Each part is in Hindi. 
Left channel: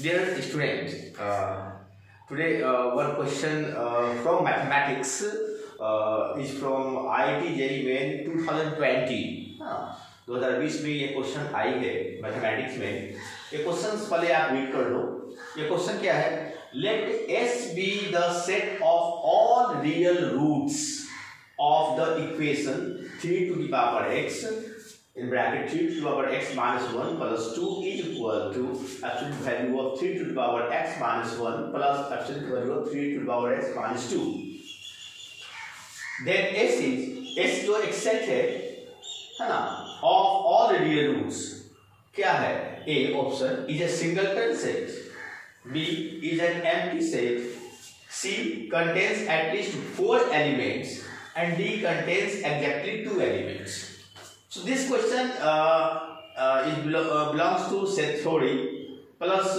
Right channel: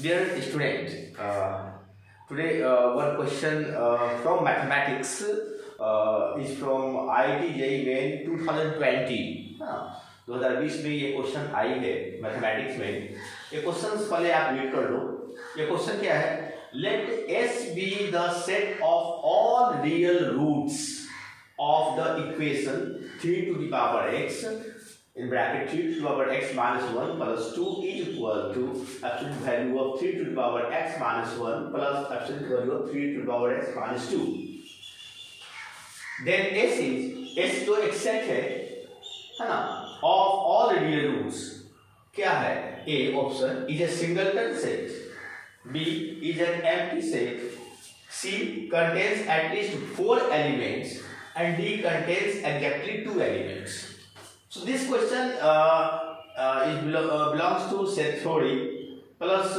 Dear student, today one question from mathematics is from IIT JEE Main 2020. 2020 में ये क्वेश्चन आई है मैथमेटिक्स में। ये क्वेश्चन पहले आप रीड कर लो। ये क्वेश्चन क्या है? Let S be the set of all real roots of the equation 3 to the power x in bracket 3 to the power x minus 1 plus 2 is equal to absolute value of 3 to the power x minus 1 plus absolute value of 3 to the power x minus 2. Then S जो एक सेट है ना, of all real roots क्या है? A option is a singleton set, B is an empty set, C contains at least 4 elements, and D contains exactly 2 elements. So this question belongs to set theory plus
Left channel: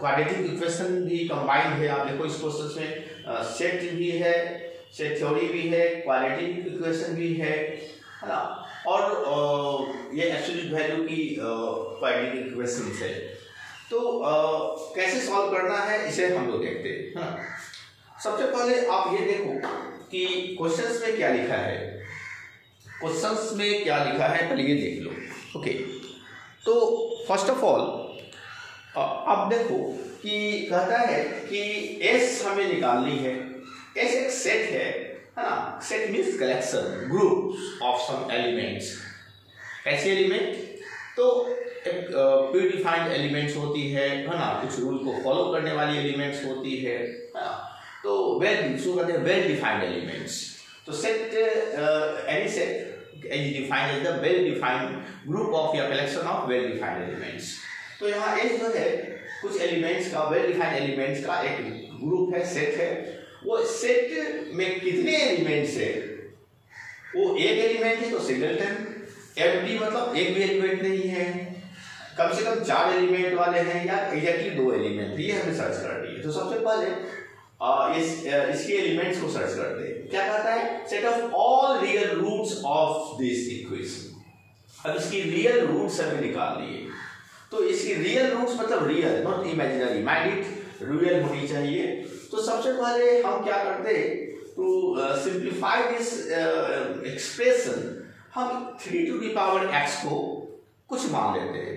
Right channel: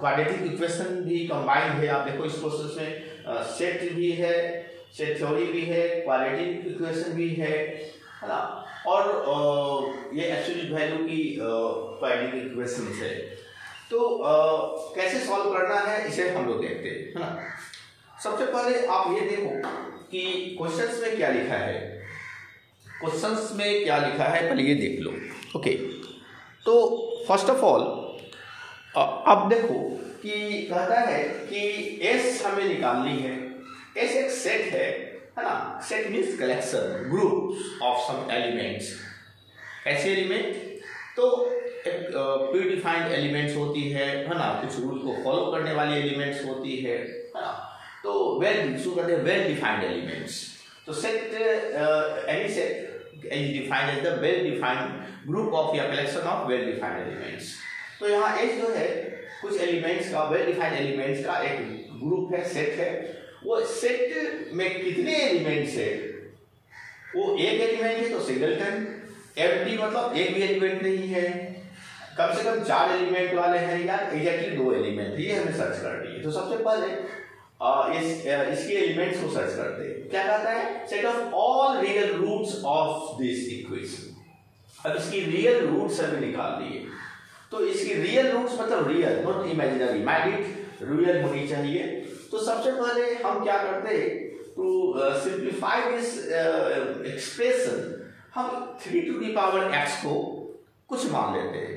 quadratic equation भी combined है। आप देखो इस क्वेश्चन में सेट भी है, सेट थ्योरी भी है, क्वाड्रेटिक इक्वेशन भी है ना, और ये एब्सोल्यूट वैल्यू की क्वाड्रेटिक इक्वेशन है। तो कैसे सॉल्व करना है इसे हम लोग देखते हैं ना। सबसे पहले आप ये देखो कि क्वेश्चंस में क्या लिखा है। क्वेश्चंस में क्या लिखा है पहले ये देख लो। ओके, तो फर्स्ट ऑफ ऑल अब देखो कि कहता है कि एस हमें निकालनी है। एस एक सेट है ना। Set means collection, group of some elements. ऐसे एलिमेंट तो एक प्रीडिफाइंड एलिमेंट्स होती है ना, कुछ रूल को फॉलो करने वाली एलिमेंट्स होती है ना। तो वेल डिफाइंड एलिमेंट्स। तो set any set is defined as the well defined group of या collection of well defined elements। तो यहाँ S जो है कुछ एलिमेंट्स का, वेल डिफाइंड एलिमेंट्स का एक ग्रुप है, सेट है। वो सेट में कितने एलिमेंट्स है? वो एक एलिमेंट है तो सिंगलटन। एम्प्टी मतलब एक भी एलिमेंट नहीं है, कम से कम 4 एलिमेंट वाले हैं या एग्जैक्टली 2 एलिमेंट, ये हमें सर्च करनी है। तो सबसे पहले इसके एलिमेंट्स को सर्च करते हैं। क्या कहता है? Set of all real roots of this equation. अब इसकी रियल रूट्स हमें निकालनी है। तो इसकी रियल रूट्स मतलब real, not imaginary, mind it real होनी चाहिए। तो सबसे पहले हम क्या करते हैं, टू सिंप्लीफाई दिस एक्सप्रेशन हम 3 टू द पावर x को कुछ मान लेते हैं।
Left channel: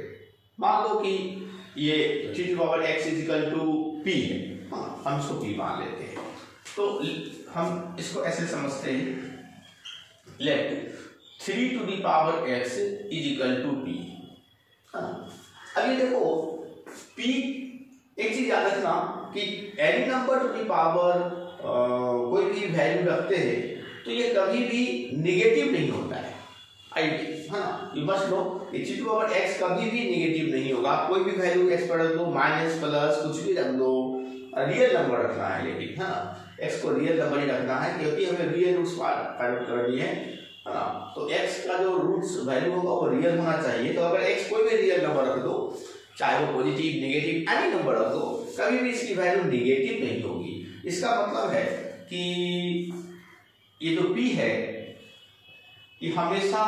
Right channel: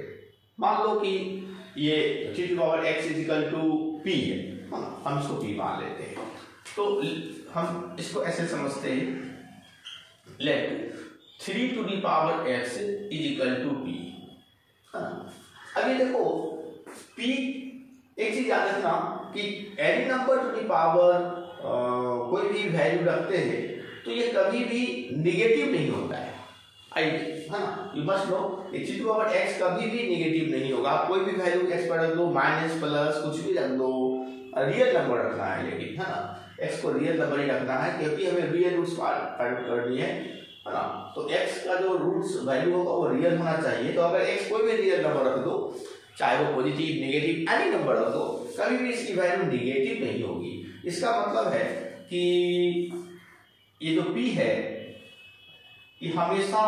मान लो कि ये 3 to power x is equal to p है, हम इसको p मान लेते हैं। तो हम इसको ऐसे समझते हैं, let 3 to the power x is equal to p। अभी देखो p, एक चीज याद रखना कि any number to the power कोई भी वैल्यू रखते हैं तो ये कभी भी निगेटिव नहीं होता है ना। You must know 3 to power x कभी भी निगेटिव नहीं होगा। कोई भी वैल्यू x पर रख दो, माइनस प्लस कुछ भी रख दो, रियल नंबर रखना है लेकिन, है ना। x को रियल नंबर ही रखना है क्योंकि हमें रियल रूट्स फाइंड करनी है ना। तो x का जो रूट्स वैल्यू होगा वो रियल होना चाहिए। तो अगर x कोई भी रियल नंबर रख दो, चाहे वो पॉजिटिव नेगेटिव एनी नंबर रख दो, कभी भी इसकी वैल्यू नेगेटिव नहीं होगी। इसका मतलब है कि ये जो p है ये हमेशा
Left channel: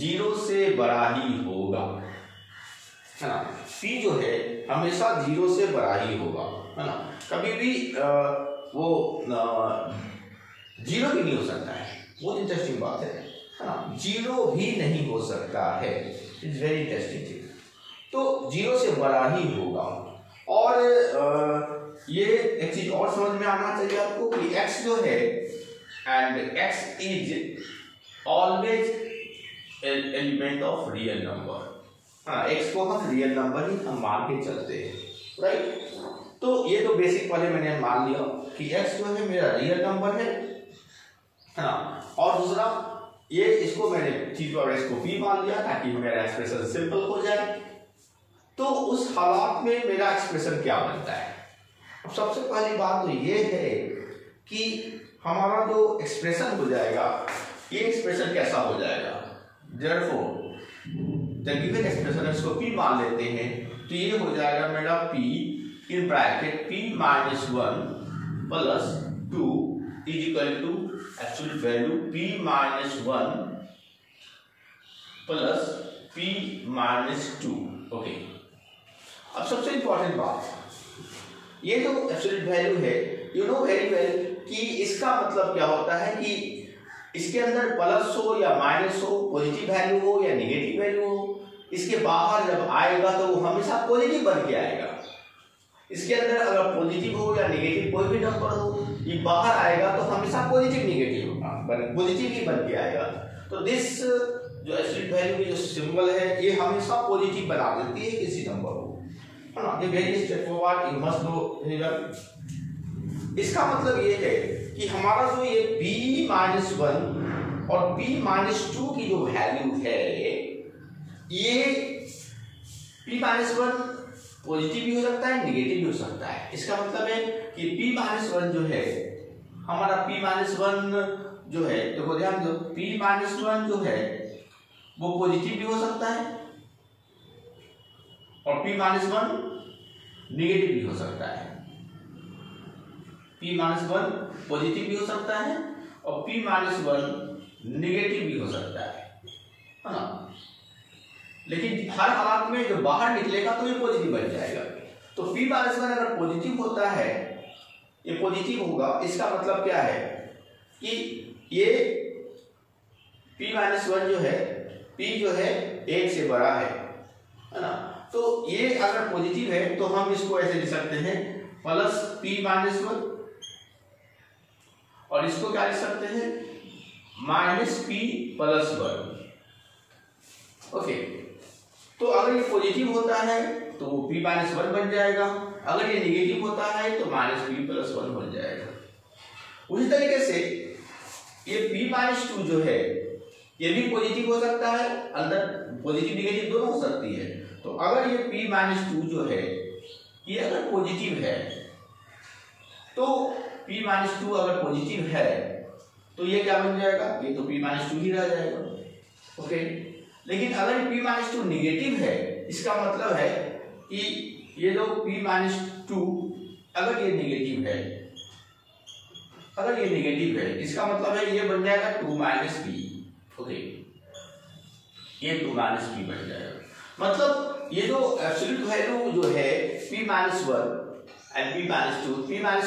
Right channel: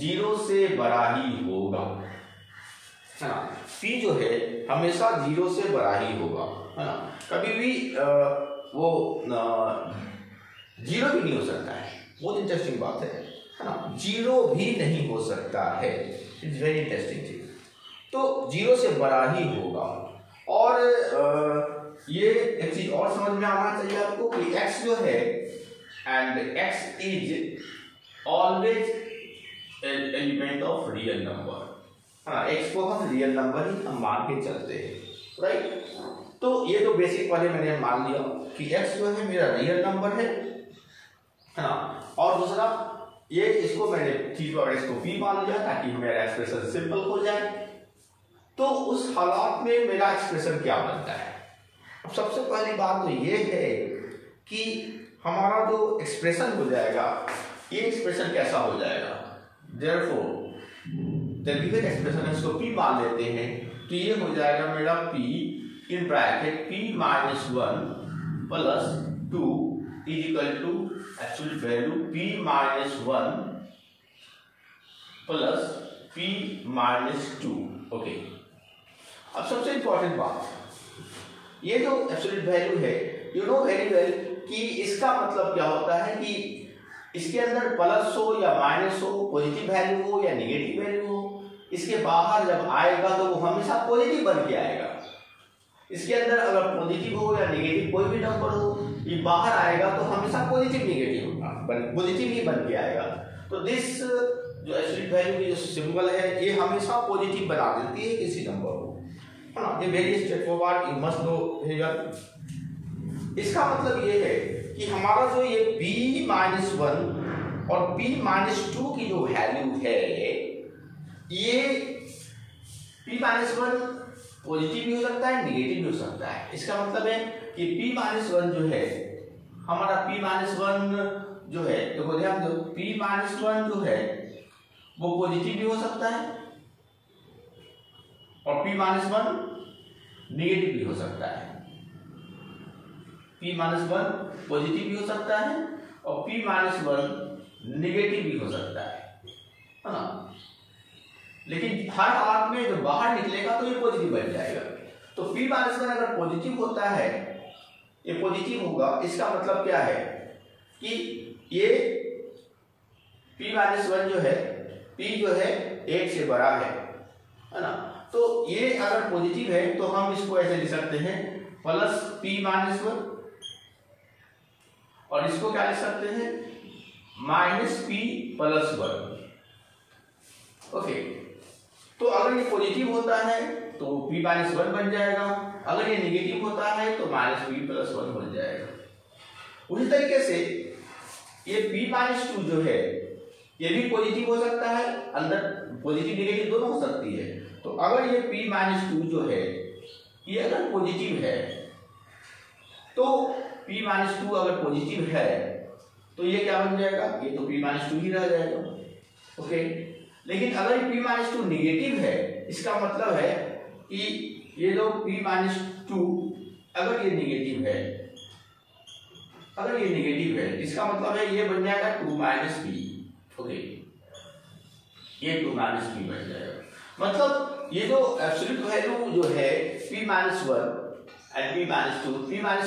0 से बड़ा ही होगा, है ना। p जो है हमेशा 0 से बड़ा ही होगा, है ना। कभी भी वो 0 भी नहीं हो सकता है। बहुत इंटरेस्टिंग बात है ना। 0 भी नहीं हो सकता है, इट्स वेरी इंटरेस्टिंग थिंग। तो 0 से बड़ा ही होगा। और ये एक चीज और समझ में आना चाहिए आपको कि x जो है, and x is always element of real number. हाँ, x को हम रियल नंबर ही हम मान के चलते हैं, राइट। तो ये तो बेसिक वाले मैंने मान लिया कि x जो है मेरा रियल नंबर है ना। और दूसरा ये इसको मैंने 3 और x को p मान लिया ताकि मेरा एक्सप्रेशन सिंपल हो जाए। तो उस हालात में मेरा एक्सप्रेशन क्या बनता है? अब सबसे पहली बात तो ये है कि हमारा जो एक्सप्रेशन हो जाएगा, ये एक्सप्रेशन कैसा हो जाएगा? Therefore, the given expression इसको p मान लेते हैं तो ये हो जाएगा मेरा p in bracket p minus 1 plus 2 is equal to absolute value p minus 1 plus p minus 2। Okay, अब सबसे इंपॉर्टेंट बात, ये जो एब्सोल्यूट वैल्यू है, यू नो वेरी वेल कि इसका मतलब क्या होता है कि इसके अंदर प्लस हो या माइनस हो, पॉजिटिव वैल्यू हो या नेगेटिव वैल्यू हो, इसके बाहर जब आएगा तो वो हमेशा पॉजिटिव बन के आएगा। इसके अंदर अगर पॉजिटिव हो या नेगेटिव कोई भी नंबर हो, ये बाहर आएगा तो हमेशा पॉजिटिव नेगेटिव होगा, पॉजिटिव ही बन के आएगा। तो दिस जो एब्सोल्यूट वैल्यू की जो सिंबल है ये हमेशा पॉजिटिव बना देती है किसी नंबर को, है ना। ये very straightforward, you must know very well. इसका मतलब ये है कि हमारा जो ये b-1 और b-2 की जो वैल्यू है, ये p-1 पॉजिटिव भी हो सकता है, नेगेटिव भी हो सकता है। इसका मतलब है कि p-1 जो है हमारा p-1 जो है, देखो ध्यान दो, p-1 जो है वो पॉजिटिव भी हो सकता है और p-1 नेगेटिव भी हो सकता है। p-1 पॉजिटिव भी हो सकता है और p-1 नेगेटिव भी हो सकता है ना। लेकिन हर हालात में जो बाहर निकलेगा तो ये पॉजिटिव बन जाएगा। तो p-1 अगर पॉजिटिव होता है, ये पॉजिटिव होगा, इसका मतलब क्या है कि ये p-1 जो है, p जो है 1 से बड़ा है ना। तो ये अगर पॉजिटिव है तो हम इसको ऐसे लिख सकते हैं प्लस p-1 और इसको क्या लिख सकते हैं माइनस p+1। ओके, तो अगर ये पॉजिटिव होता है तो p-1 बन जाएगा, अगर ये नेगेटिव होता है तो -p+1 बन जाएगा। उसी तरीके से ये p-2 जो है ये भी पॉजिटिव हो सकता है, अंदर पॉजिटिव नेगेटिव दोनों हो सकती है। तो अगर ये p-2 जो है ये अगर पॉजिटिव है तो p-2 अगर पॉजिटिव है तो ये क्या बन जाएगा, ये तो p-2 ही रह जाएगा। ओके, लेकिन अगर p-2 नेगेटिव है, इसका मतलब है कि ये जो p-2 अगर ये नेगेटिव है, अगर ये नेगेटिव है, इसका मतलब है ये बन जाएगा 2 - p। ओके, ये 2 - p बन जाएगा। मतलब ये जो एब्सोल्यूट वैल्यू जो है p-1 and p-2, p-1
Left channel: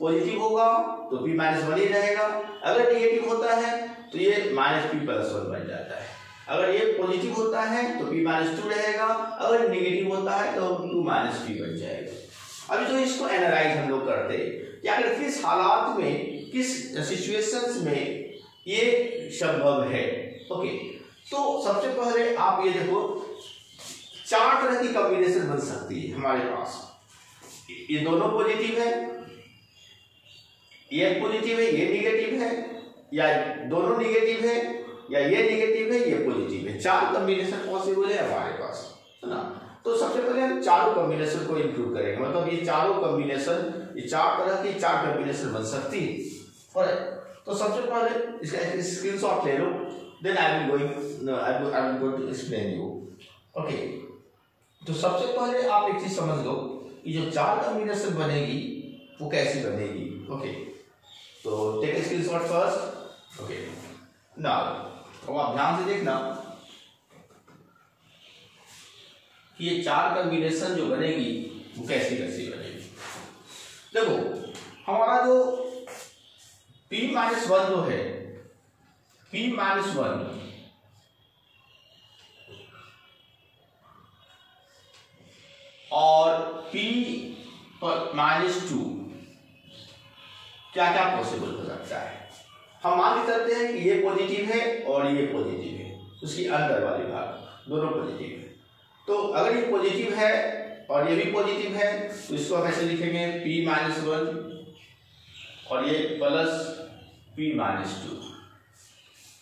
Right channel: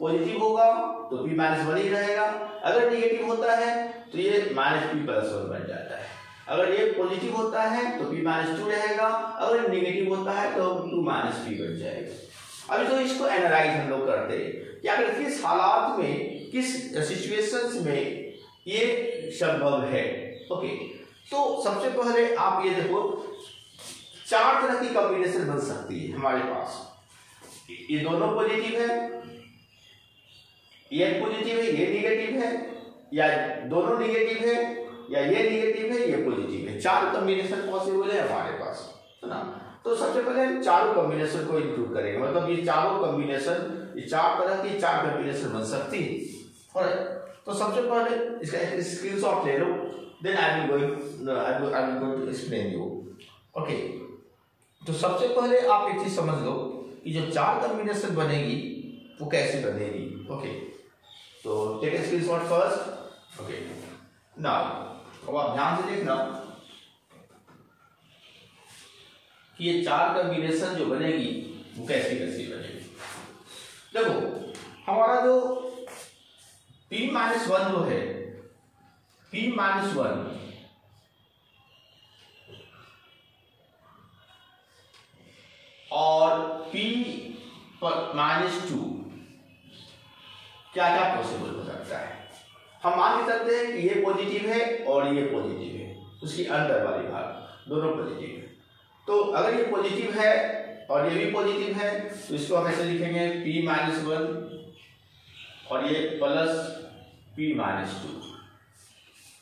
positive होगा तो p-1 ही रहेगा, अगर नेगेटिव होता है तो ये -p+1 बन जाता है। अगर ये पॉजिटिव होता है तो p-2 रहेगा, अगर नेगेटिव होता है तो 2 - p बन जाएगा। अभी जो इसको एनालाइज हम लोग करते हैं कि अगर किस हालात में, किस सिचुएशंस में ये संभव है। ओके, तो सबसे पहले आप ये देखो, 4 तरह की कॉम्बिनेशन बन सकती है हमारे पास। ये दोनों पॉजिटिव है, ये पॉजिटिव है, ये नेगेटिव है, या दोनों नेगेटिव है, या ये नेगेटिव है, ये पॉजिटिव है। 4 कॉम्बिनेशन पॉसिबल है हमारे पास, है ना। तो सबसे पहले हम चारों कॉम्बिनेशन को इंक्लूड करेंगे, मतलब ये चारों कॉम्बिनेशन, ये 4 तरह की 4 कॉम्बिनेशन बन सकती है। तो सबसे पहले इसका स्क्रीनशॉट ले लो, then I will go to explain you. Okay, तो सबसे पहले आप एक चीज समझ लो कि जो 4 कॉम्बिनेशन बनेगी वो कैसी बनेगी। ओके, तो take a screenshot first. Okay, now अब आप ध्यान से देखना कि ये 4 कॉम्बिनेशन जो बनेगी वो कैसी कैसी बनेगी। देखो, हमारा जो p-1 जो है, p-1 और p-2 क्या क्या पॉसिबल हो सकता है। हम मान के चलते हैं कि ये पॉजिटिव है और ये पॉजिटिव है, उसकी अंदर वाली भाग दोनों पॉजिटिव है। तो अगर ये पॉजिटिव है और ये भी पॉजिटिव है तो इसको हम ऐसे लिखेंगे p-1 और ये प्लस p-2,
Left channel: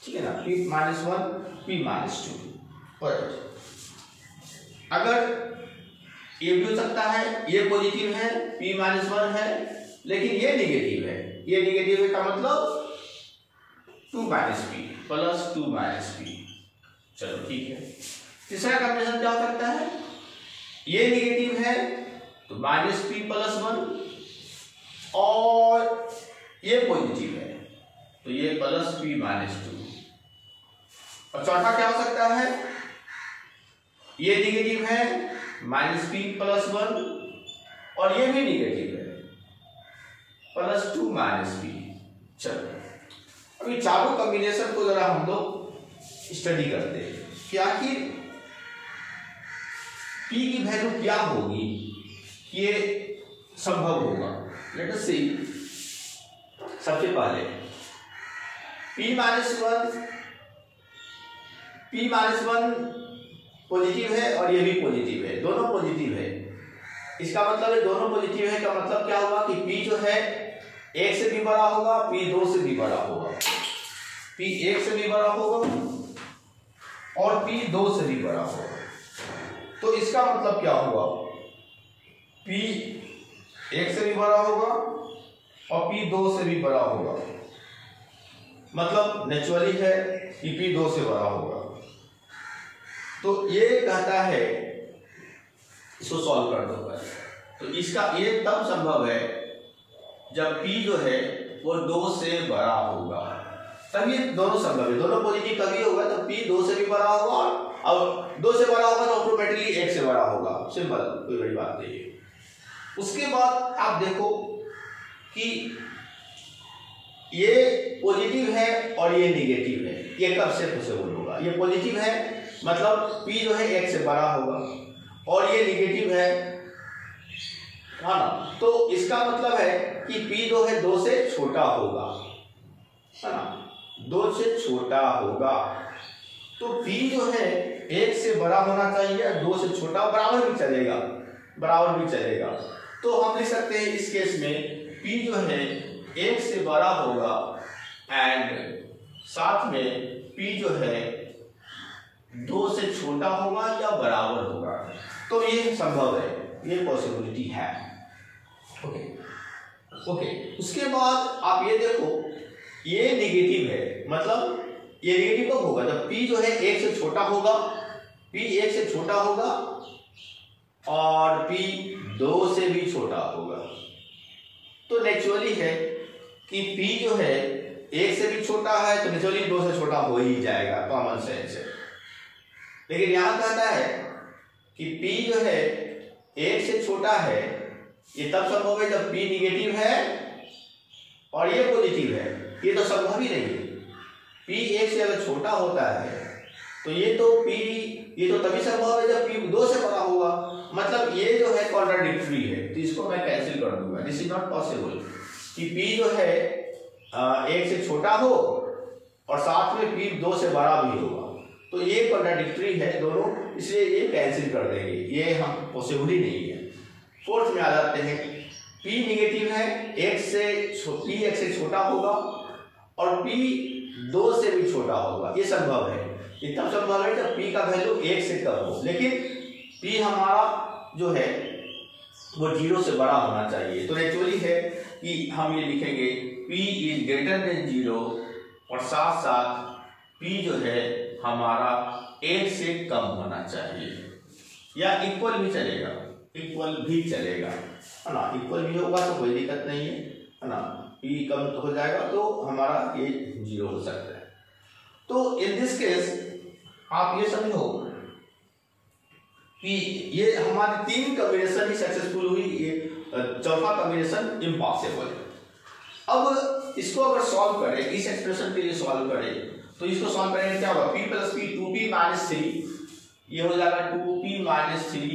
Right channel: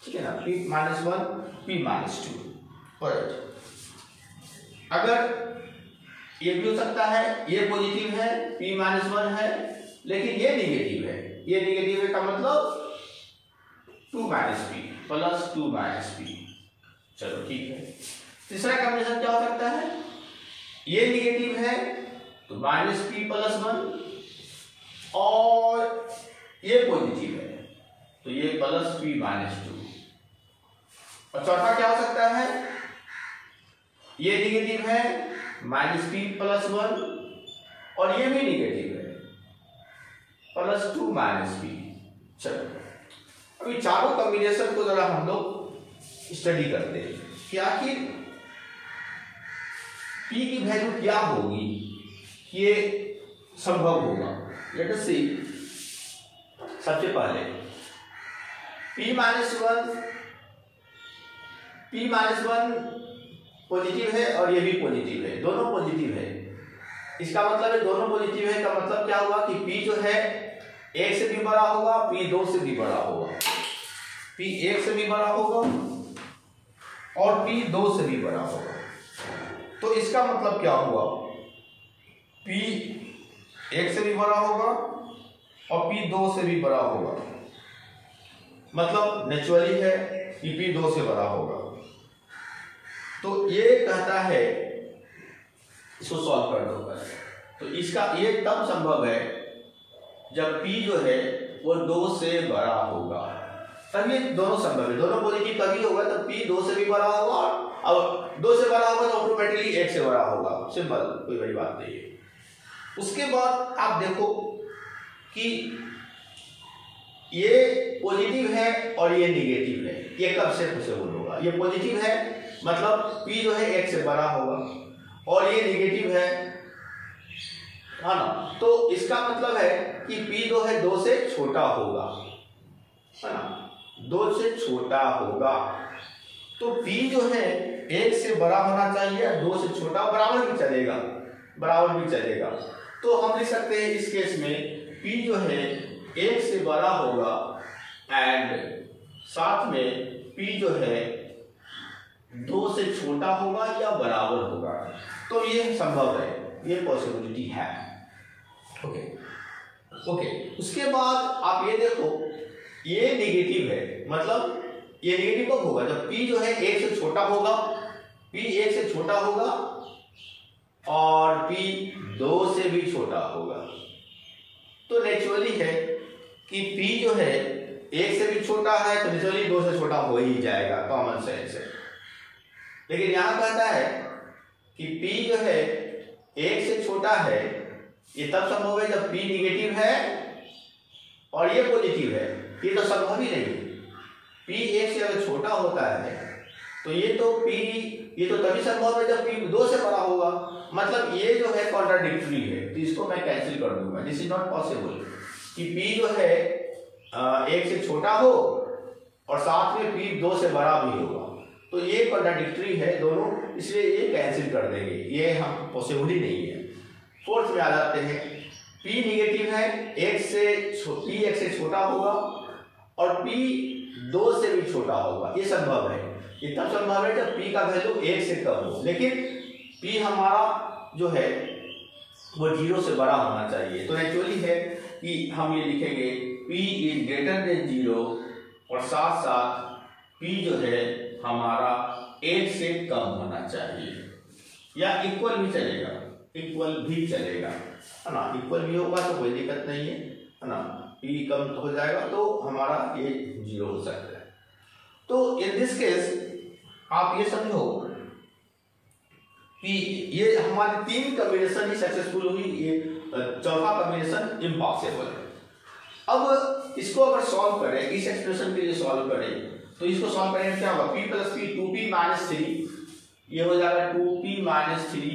ठीक है ना, p-1 p-2। अगर ये भी हो सकता है, ये पॉजिटिव है, p-1 है, लेकिन ये नेगेटिव है, ये नेगेटिव है का मतलब 2 - p प्लस 2 - p। चलो ठीक है। तीसरा कॉम्बिनेशन क्या हो सकता है, ये नेगेटिव है तो -p+1 और ये पॉजिटिव है तो ये प्लस p-2। और चौथा क्या हो सकता है, ये नेगेटिव है माइनस पी प्लस 1 और ये भी निगेटिव है प्लस 2 माइनस पी। चलो अभी चारों कॉम्बिनेशन को जरा हम लोग स्टडी करते हैं कि आखिर पी की वैल्यू क्या होगी, ये संभव होगा। लेट अस सी। सबसे पहले p माइनस वन पॉजिटिव है और ये भी पॉजिटिव है, दोनों पॉजिटिव है। इसका मतलब है दोनों पॉजिटिव है का मतलब क्या हुआ कि p जो है 1 से भी बड़ा होगा, p 2 से भी बड़ा होगा, p 1 से भी बड़ा होगा और p 2 से भी बड़ा होगा। तो इसका मतलब क्या हुआ, p 1 से भी बड़ा होगा और p 2 से भी बड़ा होगा, मतलब नेचुरली है कि p 2 से बड़ा होगा। तो ये कहता है, इसको सॉल्व कर दो पहले। तो इसका ये तब संभव है जब p जो है वो 2 से बड़ा होगा, तभी दोनों संभव है। दोनों पॉजिटिव तभी होगा तब p 2 से भी बड़ा होगा और 2 से बड़ा होगा तो ऑटोमेटिकली 1 से बड़ा होगा। सिंपल, कोई बड़ी बात नहीं है। उसके बाद आप देखो कि ये पॉजिटिव है और ये निगेटिव है, ये कब से पॉसिबल होगा? ये पॉजिटिव है मतलब p जो है 1 से बड़ा होगा और ये निगेटिव है ना, तो इसका मतलब है कि p जो है 2 से छोटा होगा, है ना, 2 से छोटा होगा। तो p जो है 1 से बड़ा होना चाहिए, 2 से छोटा, बराबर भी चलेगा, बराबर भी चलेगा। तो हम लिख सकते हैं इस केस में p जो है 1 से बड़ा होगा एंड साथ में p जो है 2 से छोटा होगा या बराबर होगा। तो ये संभव है, ये पॉसिबिलिटी है। Okay okay. उसके बाद आप ये देखो, ये नेगेटिव है, मतलब ये नेगेटिव कब होगा? जब p जो है 1 से छोटा होगा, p 1 से छोटा होगा और p 2 से भी छोटा होगा। तो नेचुरली है कि p जो है 1 से भी छोटा है तो नेचुरली 2 से छोटा हो ही जाएगा, कॉमन सेंस है। लेकिन यहां कहता है कि p जो है 1 से छोटा है, ये तब संभव है जब p निगेटिव है और ये पॉजिटिव है। ये तो संभव ही नहीं। p 1 से अगर छोटा होता है तो ये तो तभी संभव है जब p 2 से बड़ा होगा, मतलब ये जो है कॉन्ट्राडिक्टरी है। तो इसको मैं कैंसिल कर दूंगा, दिस इज नॉट पॉसिबल कि p जो है 1 से छोटा हो और साथ में p 2 से बड़ा भी होगा। तो ये कॉन्ट्राडिक्टरी है दोनों, इसलिए ये कैंसिल कर देंगे, ये हम पॉसिबल ही नहीं है। फोर्थ में आ जाते हैं, p निगेटिव है, p 1 से छोटा होगा और p 2 से भी छोटा होगा। ये संभव है, ये तब संभव है जब p का वैल्यू 1 से कम हो, लेकिन p हमारा जो है वो 0 से बड़ा होना चाहिए। तो एक्चुअली है कि हम ये लिखेंगे p इज ग्रेटर देन 0 और साथ साथ p जो है हमारा 1 से कम होना चाहिए, या इक्वल भी चलेगा, इक्वल भी चलेगा, है ना। इक्वल भी होगा तो कोई दिक्कत नहीं है ना। p कम तो हो जाएगा तो हमारा ये 0 हो सकता है। तो इन दिस केस आप ये समझो कि ये हमारी 3 कॉम्बिनेशन ही सक्सेसफुल हुई, ये चौथा कॉम्बिनेशन इम्पॉसिबल है। अब इसको अगर सॉल्व करें, इस एक्सप्रेशन के लिए सॉल्व करें, तो इसको सॉल्व करेंगे क्या होगा? p plus p 2p minus 3, ये हो जाएगा 2p माइनस 3,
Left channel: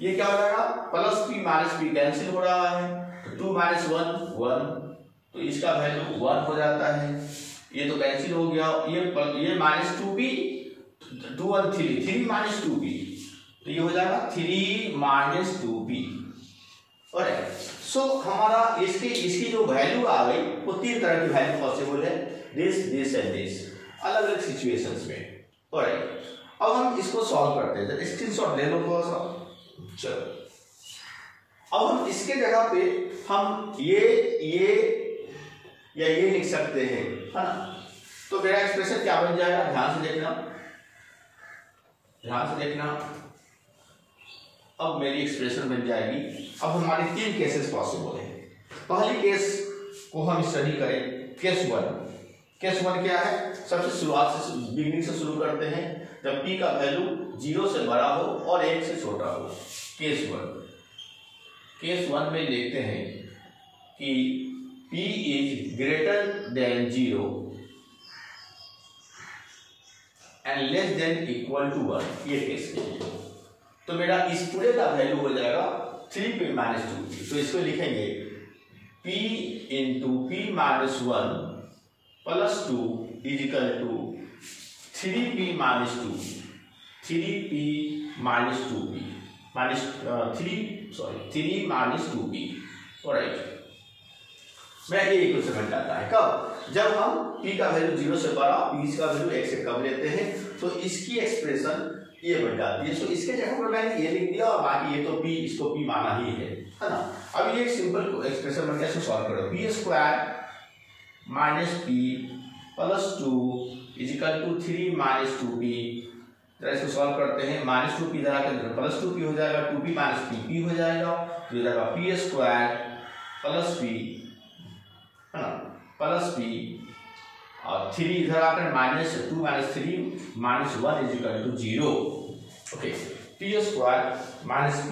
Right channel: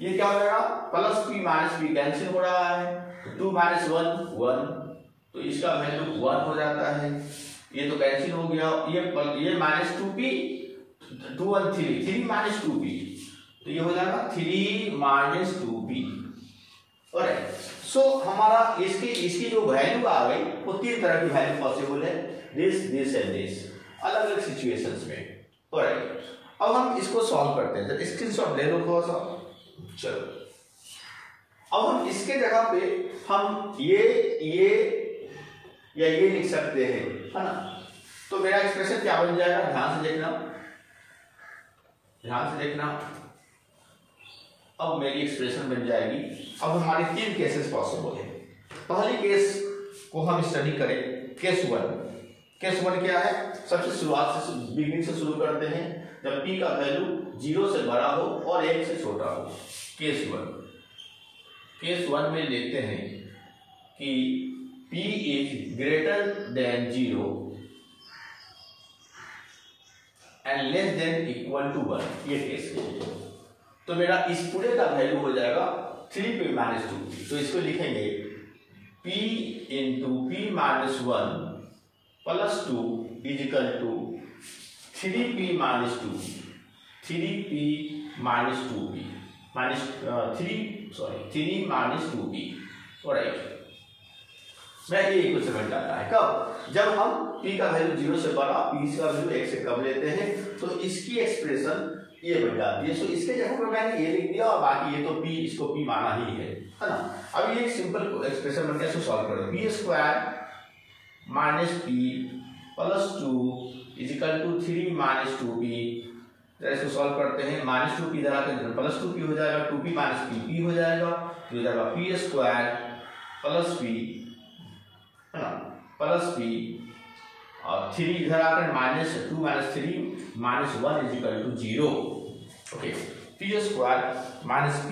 ये क्या हो जाएगा? Plus p minus p cancel हो रहा है, 2 माइनस 1 1, तो इसका वैल्यू 1 हो जाता है, ये तो कैंसिल हो गया। ये माइनस 2p 2 1 3 माइनस 2p, तो ये हो जाएगा 3 माइनस 2p। और सो हमारा इसकी जो वैल्यू आ गई वो 3 तरह की वैल्यू पॉसिबल है, दिस एंड दिस, अलग अलग सिचुएशंस में। ऑलराइट, अब हम इसको सॉल्व करते हैं। स्क्रीनशॉट ले लो थोड़ा सा। चलो अब हम इसके जगह पे हम ये या ये लिख सकते हैं, है ना। तो मेरा एक्सप्रेशन क्या बन जाएगा? ध्यान से देखना, ध्यान से देखना। अब मेरी एक्सप्रेशन बन जाएगी। अब हमारे 3 केसेस पॉसिबल है। पहली केस को हम स्टडी करें, केस 1। केस 1 क्या है, सबसे शुरुआत से बिगिनिंग से शुरू करते हैं, जब p का वैल्यू 0 से बड़ा हो और 1 से छोटा हो। केस 1 में देखते हैं कि p is greater than 0 and less than equal to 1, ये केस के लिए। तो मेरा इस पूरे का वैल्यू हो जाएगा 3p माइनस 2p। तो इसको लिखेंगे p into p minus 1 plus 2 is equal to 3p minus 2, 3p minus 2p minus 3 minus 2p। Alright, मैं ये इक्वेशन बन जाता है कब, जब हम p का वैल्यू 0 से बड़ा, p का वैल्यू 1 से कम लेते हैं, तो इसकी एक्सप्रेशन ये बन जाती है। सो इसके जगह पर मैंने ये लिख दिया और बाकी ये तो p, इसको p माना ही है ना। अब ये एक सिंपल एक्सप्रेशन बन गया, इसको सॉल्व करो। p square minus p plus 2 is equal to 3 minus 2p। जरा इसको सॉल्व करते हैं, माइनस 2p इधर आकर प्लस 2p हो जाएगा, 2p माइनस p हो जाएगा, तो हो जाएगा p स्क्वायर प्लस p है ना, प्लस p और 3 इधर आकर minus 2 minus 3 minus 1 is equal to 0। Okay, p square minus p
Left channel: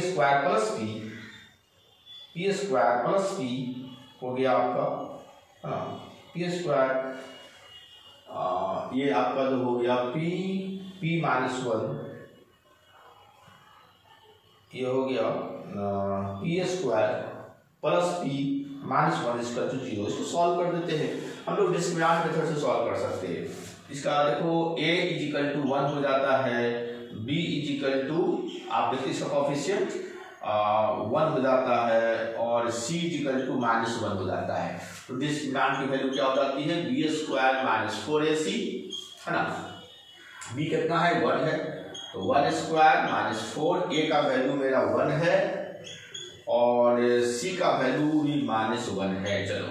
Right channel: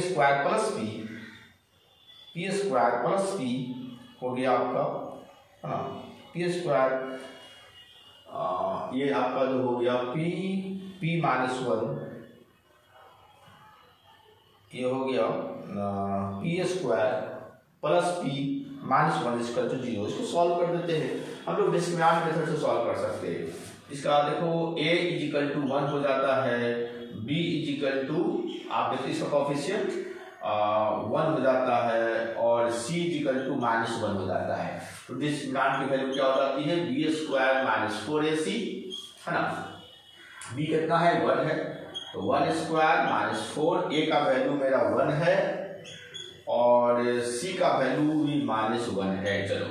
square plus p square plus p हो गया आपका है ना, p स्क्वायर ये आपका जो हो गया p माइनस 1, ये हो गया p square plus p minus 1 इसका तो 0। इसको सॉल्व कर देते हैं हम लोग, डिस्क्रिमिनेंट मेथड से सॉल्व कर सकते हैं। इसका देखो a इज इक्वल टू 1 हो जाता है, b इज इक्वल टू आप देखिए इसका कोएफिशिएंट 1 हो जाता है और c is equal to minus 1 हो जाता है। तो डिस्क्रिमिनेंट की वैल्यू क्या हो जाती है, b स्क्वायर माइनस 4ac है ना, b कितना है 1 है, तो 1 स्क्वायर माइनस 4, a का वैल्यू मेरा 1 है और c का वैल्यू भी माइनस 1 है। चलो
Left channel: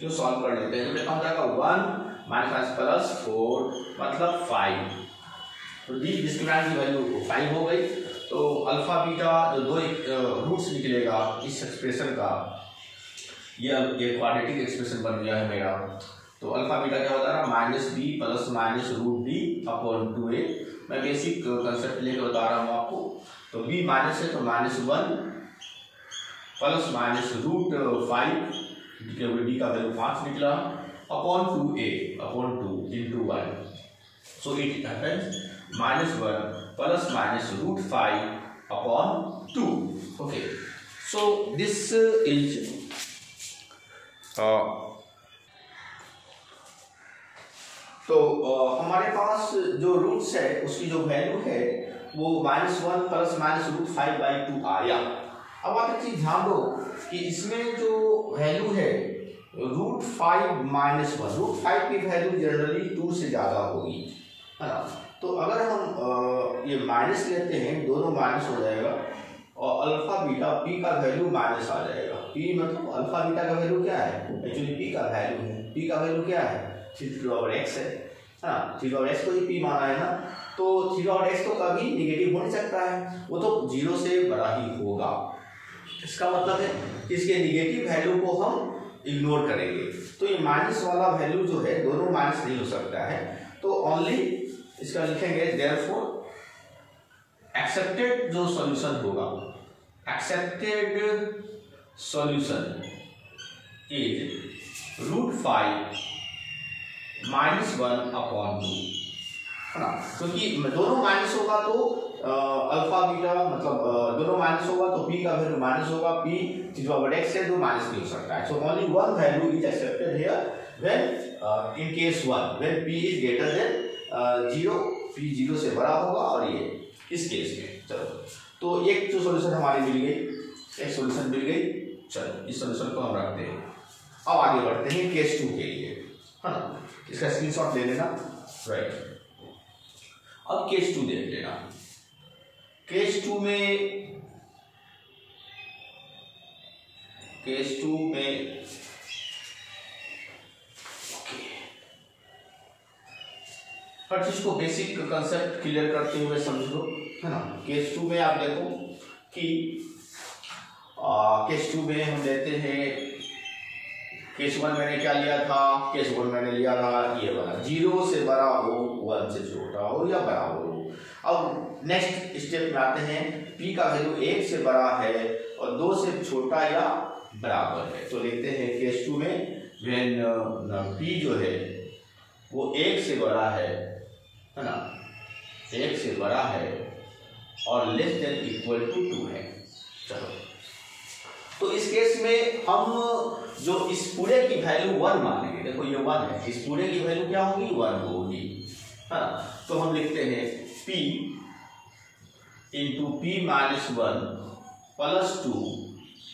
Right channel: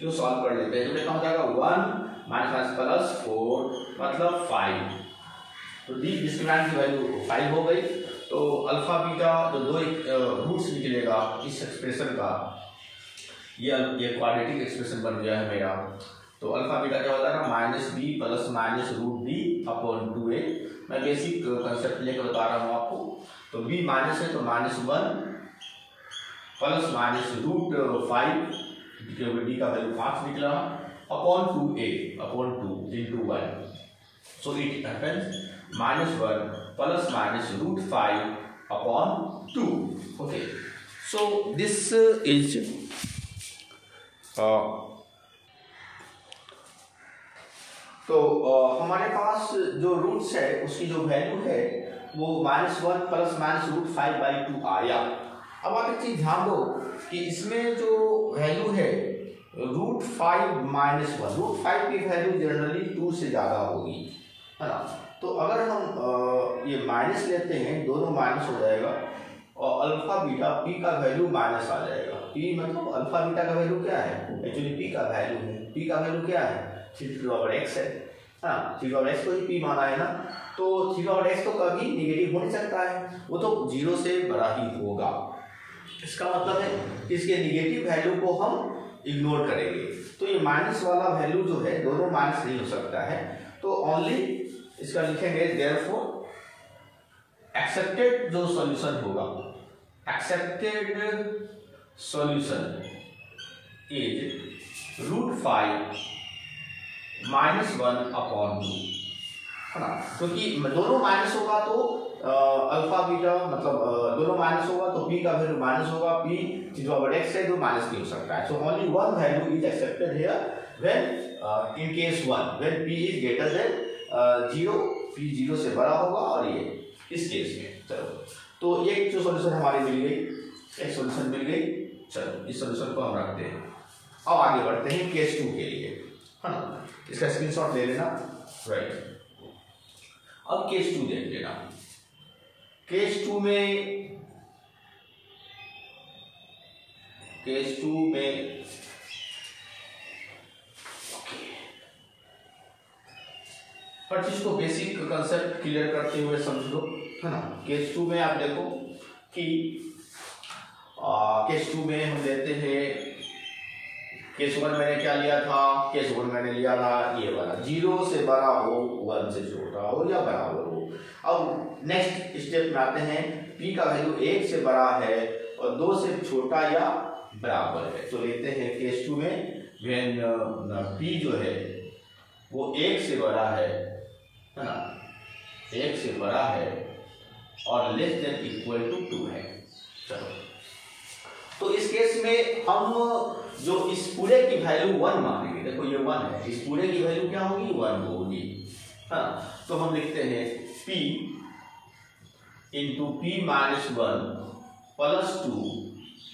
तो सॉल्व कर लेते हैं, तो कितना हो जाएगा 1 माइनस प्लस 4 मतलब 5। तो डिस्क्रिमिनेंट की वैल्यू 5 हो गई। तो अल्फा बीटा जो दो रूट्स निकलेगा इस एक्सप्रेशन का, ये क्वाड्रेटिक एक्सप्रेशन बन गया है मेरा। तो अल्फा बीटा क्या होता है ना, minus b plus minus root d upon 2a। मैं बेसिक कंसेप्ट लेकर बता रहा हूँ आपको। तो b माइनस है तो minus 1 plus minus root 5, d का वैल्यू 5 निकला, upon 2a upon 2 into 1। So it happens minus 1 plus minus root 5 upon 2। Okay, so this is तो हमारे पास जो रूट्स है उसकी जो वैल्यू है वो -1 प्लस माइनस रूट 5/2 आया। अब आप एक चीज ध्यान दो कि इसमें जो वैल्यू है रूट 5 माइनस 1, रूट 5 की वैल्यू जनरली 2 से ज़्यादा होगी है ना। तो अगर हम ये माइनस लेते हैं, दोनों माइनस हो जाएगा और अल्फा बीटा p का वैल्यू माइनस आ जाएगा। p मतलब अल्फा बीटा का वैल्यू क्या है, एक्चुअली p का वैल्यू है, p का वैल्यू क्या है 3/x है ना, 3/x को ही p माना है ना। तो 3/x तो कभी निगेटिव हो नहीं सकता है, वो तो 0 से बड़ा ही होगा। इसका मतलब है कि इसके निगेटिव वैल्यू को हम इग्नोर करेंगे। तो ये माइनस वाला वैल्यू जो है दोनों माइनस नहीं हो सकता है, तो ओनली इसका लिखेंगे देयरफॉर एक्सेप्टेड जो सॉल्यूशन होगा, accepted solution is root 5 minus 1 upon 2 है ना। क्योंकि दोनों माइनस होगा तो अल्फा बीटा मतलब दोनों माइनस होगा तो p का वैल्यू माइनस होगा, p x है तो माइनस नहीं हो सकता है। So only one value is accepted here when in case 1 when p is greater than 0, p 0 से बड़ा होगा और ये इस केस में। चलो तो एक जो सॉल्यूशन हमारी मिल गई, एक सॉल्यूशन मिल गई। चलो इस सॉल्यूशन को हम रखते हैं, अब आगे बढ़ते हैं केस 2 के लिए है ना। इसका स्क्रीनशॉट ले लेना, राइट। अब केस 2 देख लेना। केस 2 में पर चीज को बेसिक कंसेप्ट क्लियर करते हुए समझ लो है ना। केस 2 में आप देखो कि केस 2 में हम लेते हैं केस 1 मैंने क्या लिया था, केस 1 मैंने लिया था ये वाला, 0 से बड़ा हो 1 से छोटा हो या बराबर हो। अब नेक्स्ट स्टेप में आते हैं, p का वैल्यू 1 से बड़ा है और 2 से छोटा या बराबर है। तो लेते हैं केस 2 में व्हेन p जो है वो 1 से बड़ा है ना, 1 से बड़ा है और लेस देन इक्वल टू 2 है। चलो, तो इस केस में हम जो इस पूरे की वैल्यू 1 मानेंगे, देखो ये 1 है, इस पूरे की वैल्यू क्या होगी, 1 होगी, हाँ। तो हम लिखते हैं p into p minus 1 plus 2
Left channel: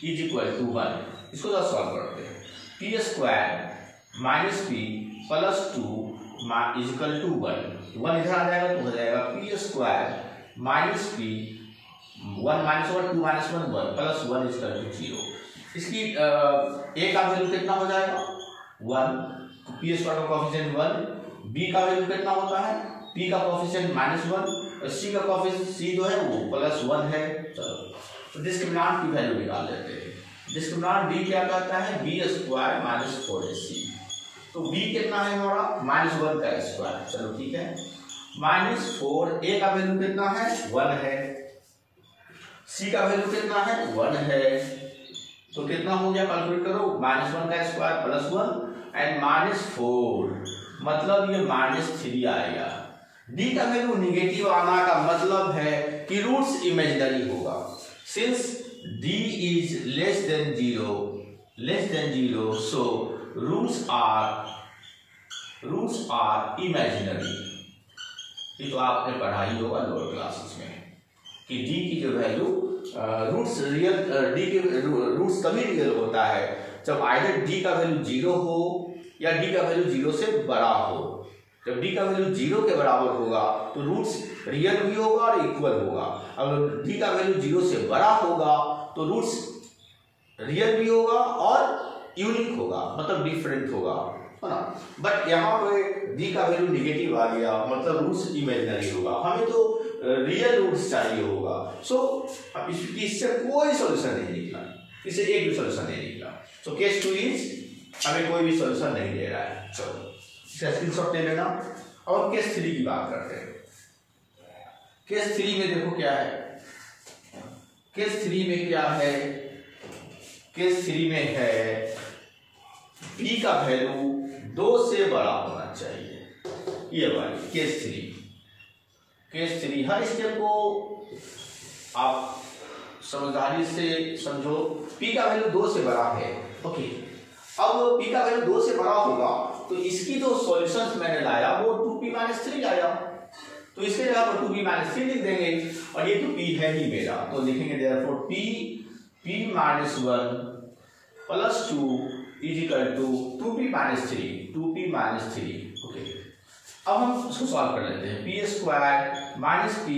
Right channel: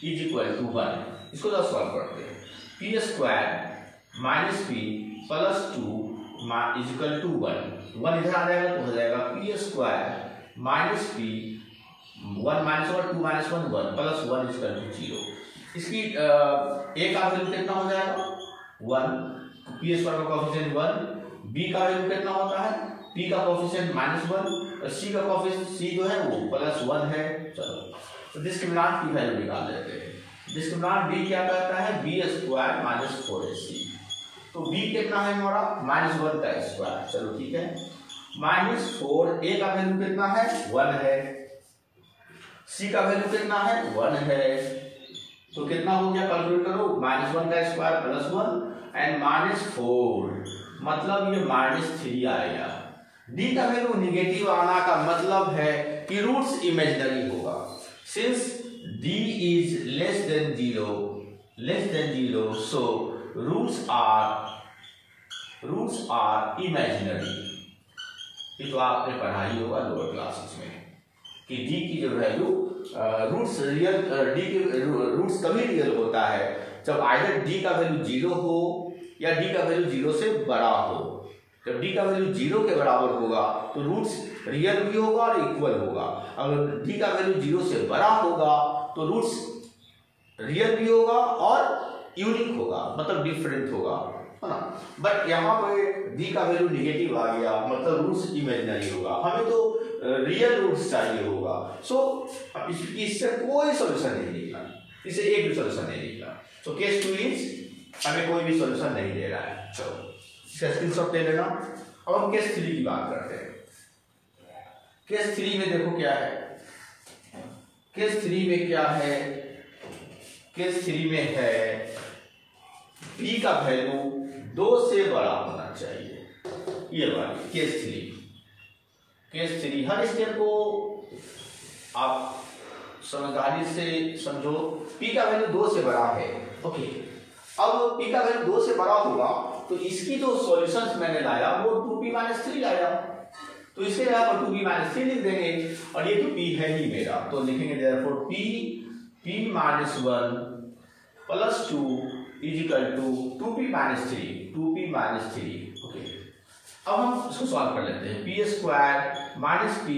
is equal to 1। इसको जरा सॉल्व करते हैं, p square minus p plus 2 is equal to 1 इधर आ जाएगा तो हो जाएगा p square minus p 1 minus 1 2 minus 1 1 plus 1 is equal to 0। इसकी a का वैल्यू कितना हो जाएगा 1, तो p स्क्वायर का कोएफिशिएंट 1, b का वैल्यू कितना होता है, p का कोएफिशिएंट -1 और c का कोएफिशिएंट c जो है वो +1 है। चलो, तो डिस्क्रिमिनेंट की वैल्यू निकाल लेते हैं। डिस्क्रिमिनेंट b क्या कहता है, b स्क्वायर माइनस 4ac, तो b कितना है हमारा -1 का स्क्वायर। चलो ठीक है, -4, a का वैल्यू कितना है 1 है, c का वैल्यू कितना है 1 है, तो कितना हो गया कैलकुलेट करो, -1 का स्क्वायर +1 एंड -4, मतलब ये -3 आएगा। d का वैल्यू निगेटिव आना का मतलब है कि रूट्स इमेजिनरी होगा। Since d is less than 0 so roots are imaginary. ये तो आपने पढ़ा ही होगा लोअर क्लासेस में कि d की जो वैल्यू रूट्स रियल, d के रूट्स तभी रियल होता है जब आइदर d का वैल्यू 0 हो या d का वैल्यू 0 से बड़ा हो। जब d का वैल्यू 0 के बराबर होगा तो रूट्स रियल भी होगा और इक्वल होगा। अगर d का वैल्यू 0 से बड़ा होगा तो रूट्स रियल भी होगा और यूनिक होगा, मतलब डिफरेंट होगा, है ना। बट यहाँ पे d का वैल्यू निगेटिव आ गया, मतलब रूट्स इमेजिनरी होगा, हमें तो रियल रूट्स चाहिए होगा। सो इससे कोई सोल्यूशन नहीं निकला, इससे एक भी सोल्यूशन नहीं निकला। तो केस 2 इज हमें कोई भी सोल्यूशन नहीं दे रहा है। चलो इसका स्क्रीनशॉट ले लेना। अब हम केस 3 की बात करते हैं। केस 3 में देखो क्या है, केस 3 में क्या है, केस 3 में है p का वैल्यू 2 से बड़ा होना चाहिए। ये वाली केस 3 हर स्टेप को आप समझदारी से समझो। p का वैल्यू 2 से बड़ा है, ओके। अब p का वैल्यू 2 से बड़ा होगा तो इसकी जो सॉल्यूशंस मैंने लाया वो 2p-3 लाया, तो इसके जगह पर 2p-3 लिख देंगे और ये तो p है ही मेरा, तो लिखेंगे therefore p-1 plus 2 is equal to 2p-3 okay. अब हम इसको सॉल्व कर लेते हैं। p square minus p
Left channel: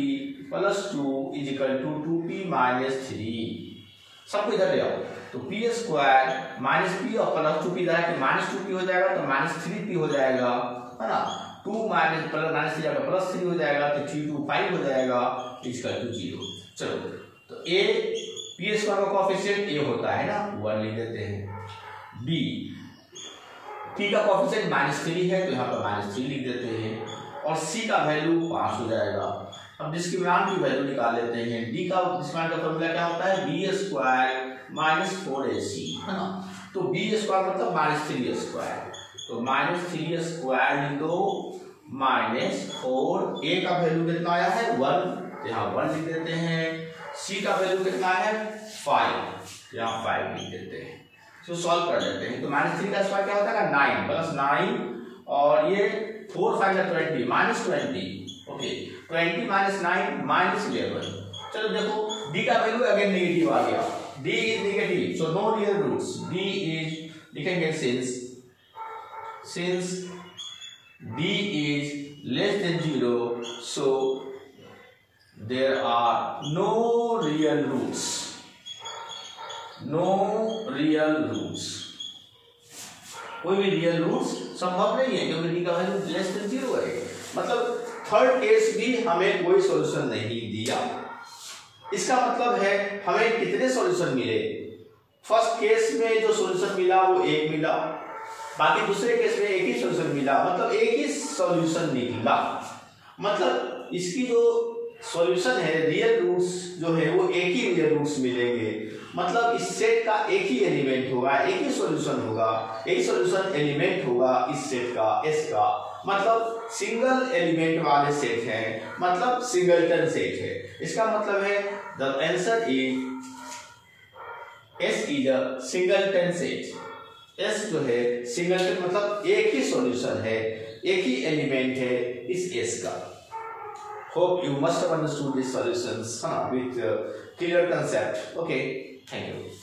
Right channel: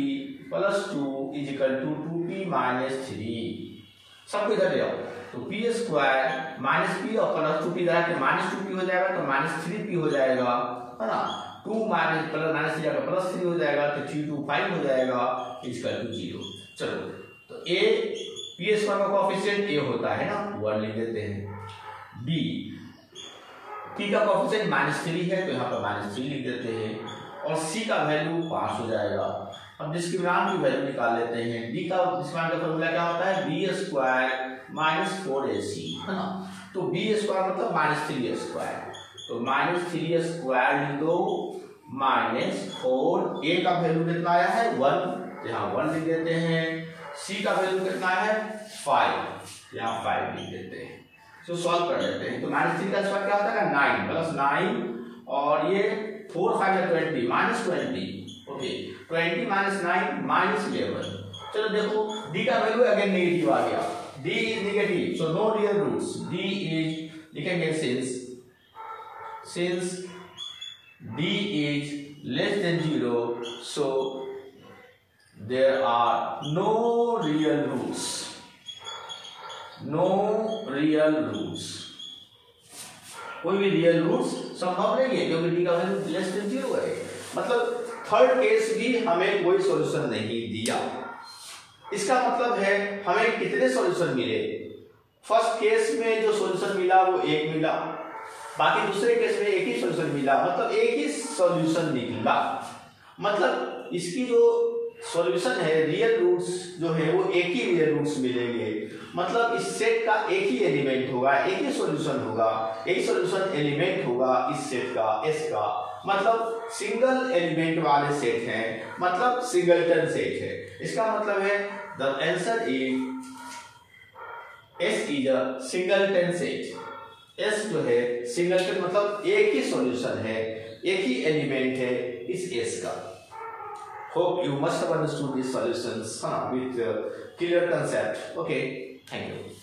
plus 2 is equal to 2p-3, सबको इधर ले आओ, तो p स्क्वायर माइनस p और प्लस 2p इधर आके -2p हो जाएगा तो -3p हो जाएगा, है ना। 2 माइनस -3 जाएगा +3 हो जाएगा तो 3 2 5 हो जाएगा इक्वल टू 0। चलो, तो a p स्क्वायर का कोएफिशिएंट a होता है ना, 1 लिख देते हैं। b p का कोएफिशिएंट -3 है तो यहाँ पर -3 लिख देते हैं और c का वैल्यू 5 हो जाएगा। अब डिस्क्रिमिनेंट की वैल्यू निकाल लेते हैं। d का डिस्क्रिमिनेंट का फॉर्मूला क्या होता है, b स्क्वायर माइनस 4ac, है ना। तो b स्क्वायर मतलब -3 स्क्वायर, तो -3 स्क्वायर लिख दो -4, a का वैल्यू कितना आया है 1, यहाँ 1 लिख देते हैं। c का वैल्यू कितना है 5, यहाँ 5 लिख देते हैं। तो सॉल्व कर लेते हैं। तो -3 का स्क्वायर क्या होता है 9 प्लस 9 और ये 4 5 या 20 -20, ओके। 20 - 9 -11। चलो देखो d का वैल्यू अगेन नेगेटिव आ गया, d is negative so no real roots. d is लिखेंगे since d is less than 0 so there are no real roots, कोई भी रियल रूट्स संभव नहीं है क्योंकि d का वैल्यू लेस देन 0 है। मतलब थर्ड केस भी हमें कोई सॉल्यूशन नहीं दिया। इसका मतलब है हमें कितने सॉल्यूशन मिले, फर्स्ट केस में जो सॉल्यूशन मिला वो एक मिला, बाकी दूसरे केस में एक ही सॉल्यूशन मिला, मतलब एक ही सॉल्यूशन निकला। मतलब इसकी जो सॉल्यूशन है, रियल रूट्स जो है वो एक ही रियल रूट्स मिलेंगे। मतलब इस सेट का एक ही एलिमेंट होगा, एक ही सॉल्यूशन होगा, एक ही सॉल्यूशन एलिमेंट होगा इस सेट का, एस का। मतलब सिंगल एलिमेंट वाले सेट हैं, मतलब सिंगलटन सेट है। इसका मतलब है the answer is S is a singleton set. S जो है सिंगलटन, मतलब एक ही सॉल्यूशन है, एक ही एलिमेंट है इस एस का। Hope you must have understood these solutions with clear concept. Okay, thank you.